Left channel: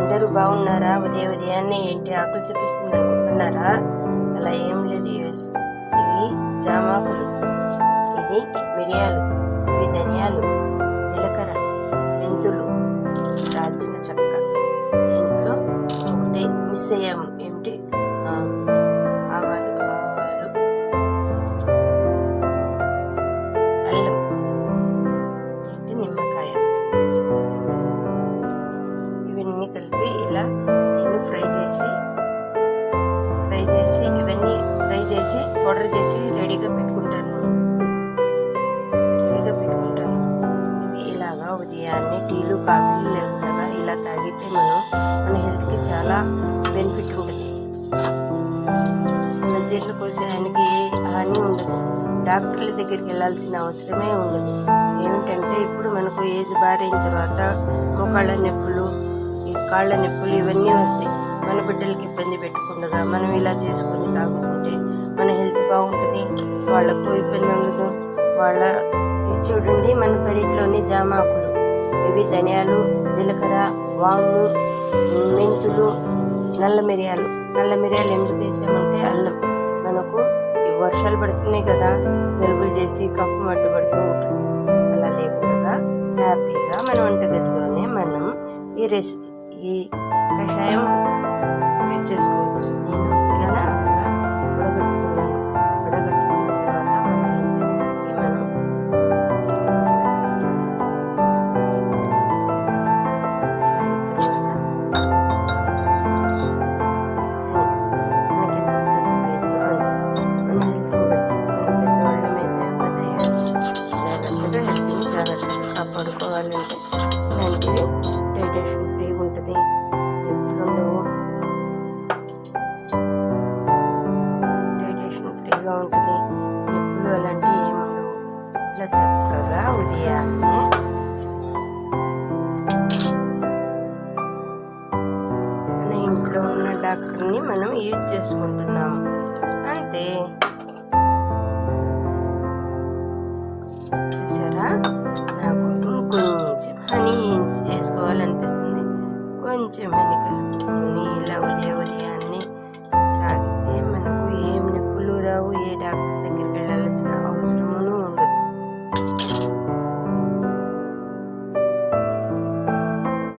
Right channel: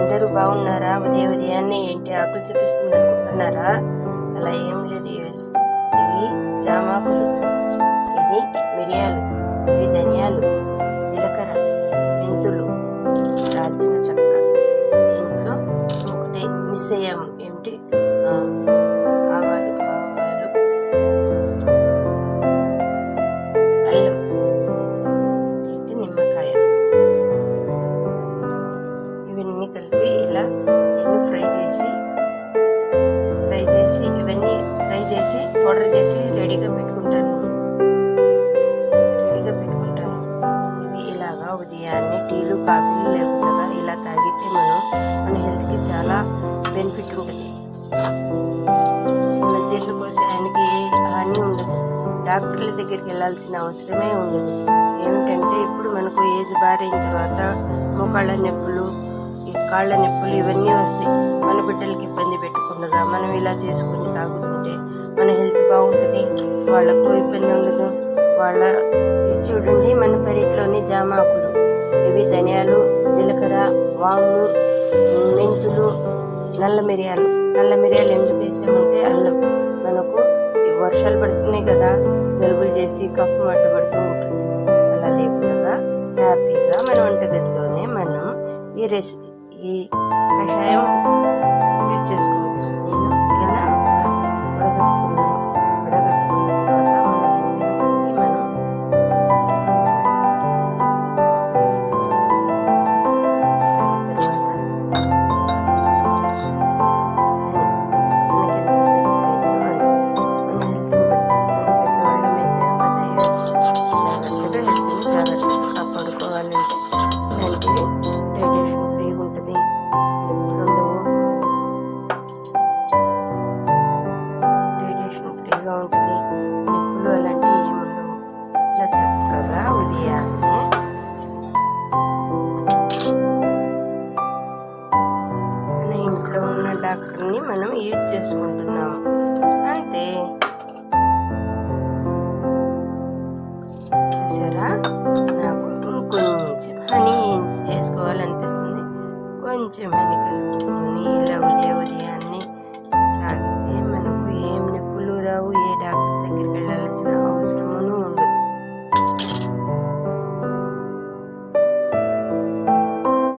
అందరూ బాగున్నారా? ఉదయాన్నే ఏంటి ఆకులు చూపిస్తుంది అనుకుంటున్నారా? అలా ఏం లేదు యూఎస్. ఇవి జామాకులు, ఇది మిరియాలు, ఇవి ధనియాలు, జీలకర్ర, మెంతులు, దాల్చిన చెక్క. దీంట్లో ఒకటి మిస్ అయ్యాము, ఏమిటి ఆవాలు, అల్లం, ఏంటి నిమ్మకాయ. ఇవన్నీ కలిపి ఇలా నేను ఫ్రై చేసి పౌడర్ చేసి రెడీగా పెట్టుకుంటాను. ఇవి ఇలాగా ఉదయాన్నే టీలు కాఫీలు లేకుండా ఇలా తాగితే మన హెల్త్కి చాలా బెనిఫిట్ ఉంటుంది. మన జీర్ణకోశానికి ఏ హాని ఉండదు. డాక్టర్ల దగ్గరికి వెళ్ళాల్సిన అవసరమే ఉండదు. ఏమిటంటే ఇప్పుడు మనకు ఏజ్ బారైన తర్వాత మోకాళ్ళ నొప్పులు, ఈ కాళ్ళ నొప్పులు ఇవన్నీ వస్తాయి. మన బిడ్డలకి ఇబ్బంది పెట్టకుండా మనం ఇలా చేసుకొని తాగుతుంటే మన హెల్త్ బాగుంటుంది, వాళ్ళకు ఇబ్బంది ఉండదు. ఇవి చూడండి, మన పెరట్లోని జామాకులు, ఇవి ధనియాలు, జీలకర్ర, వాము, మెంతులు, నల్ల మిరియాలు ఎందుకు వేసామంటే అల్లం. మనకు ఈ వర్షాలు పడుతున్నాయి కదా, జలుబులు చేసి కఫం అడ్డుపడుతూ ఉంటుంది. అలా లేకుండా హ్యాపీగా మన వంటగదిలోనే మనం ఈ కషాయం యూజ్ చేసుకోవచ్చు. నేను ఇలా వడగట్టుకున్న తర్వాత మన హెల్త్ని బట్టి మనం మనకి ఎంత సరిపోయిందో అంత. మన హెల్త్ని బట్టి మన పెద్దవాళ్ళం అయిపోయాం కదా, జాగ్రత్తగా హెల్త్ని జాగ్రత్తగా కాపాడుకోవాలంటే ఇలాంటివి డైజెషన్ ఫ్రీగా ఉంటుంది, నొప్పులు ఉండవు, ఫ్రీగా ఉంటుంది, నొప్పులు అలాంటివి ఏముండవు. ఇలా చక్కగా ఉదయాన్నే మన ఇంట్లో ఉన్న డాక్టర్ని మనం యూజ్ చేసుకుంటున్నాము అంతే. చూసారా, నాకు ఇంకొంచెం హనీ వేసుకోవాలనిపిస్తుంది. కొంచెం హనీ కలుపుకొని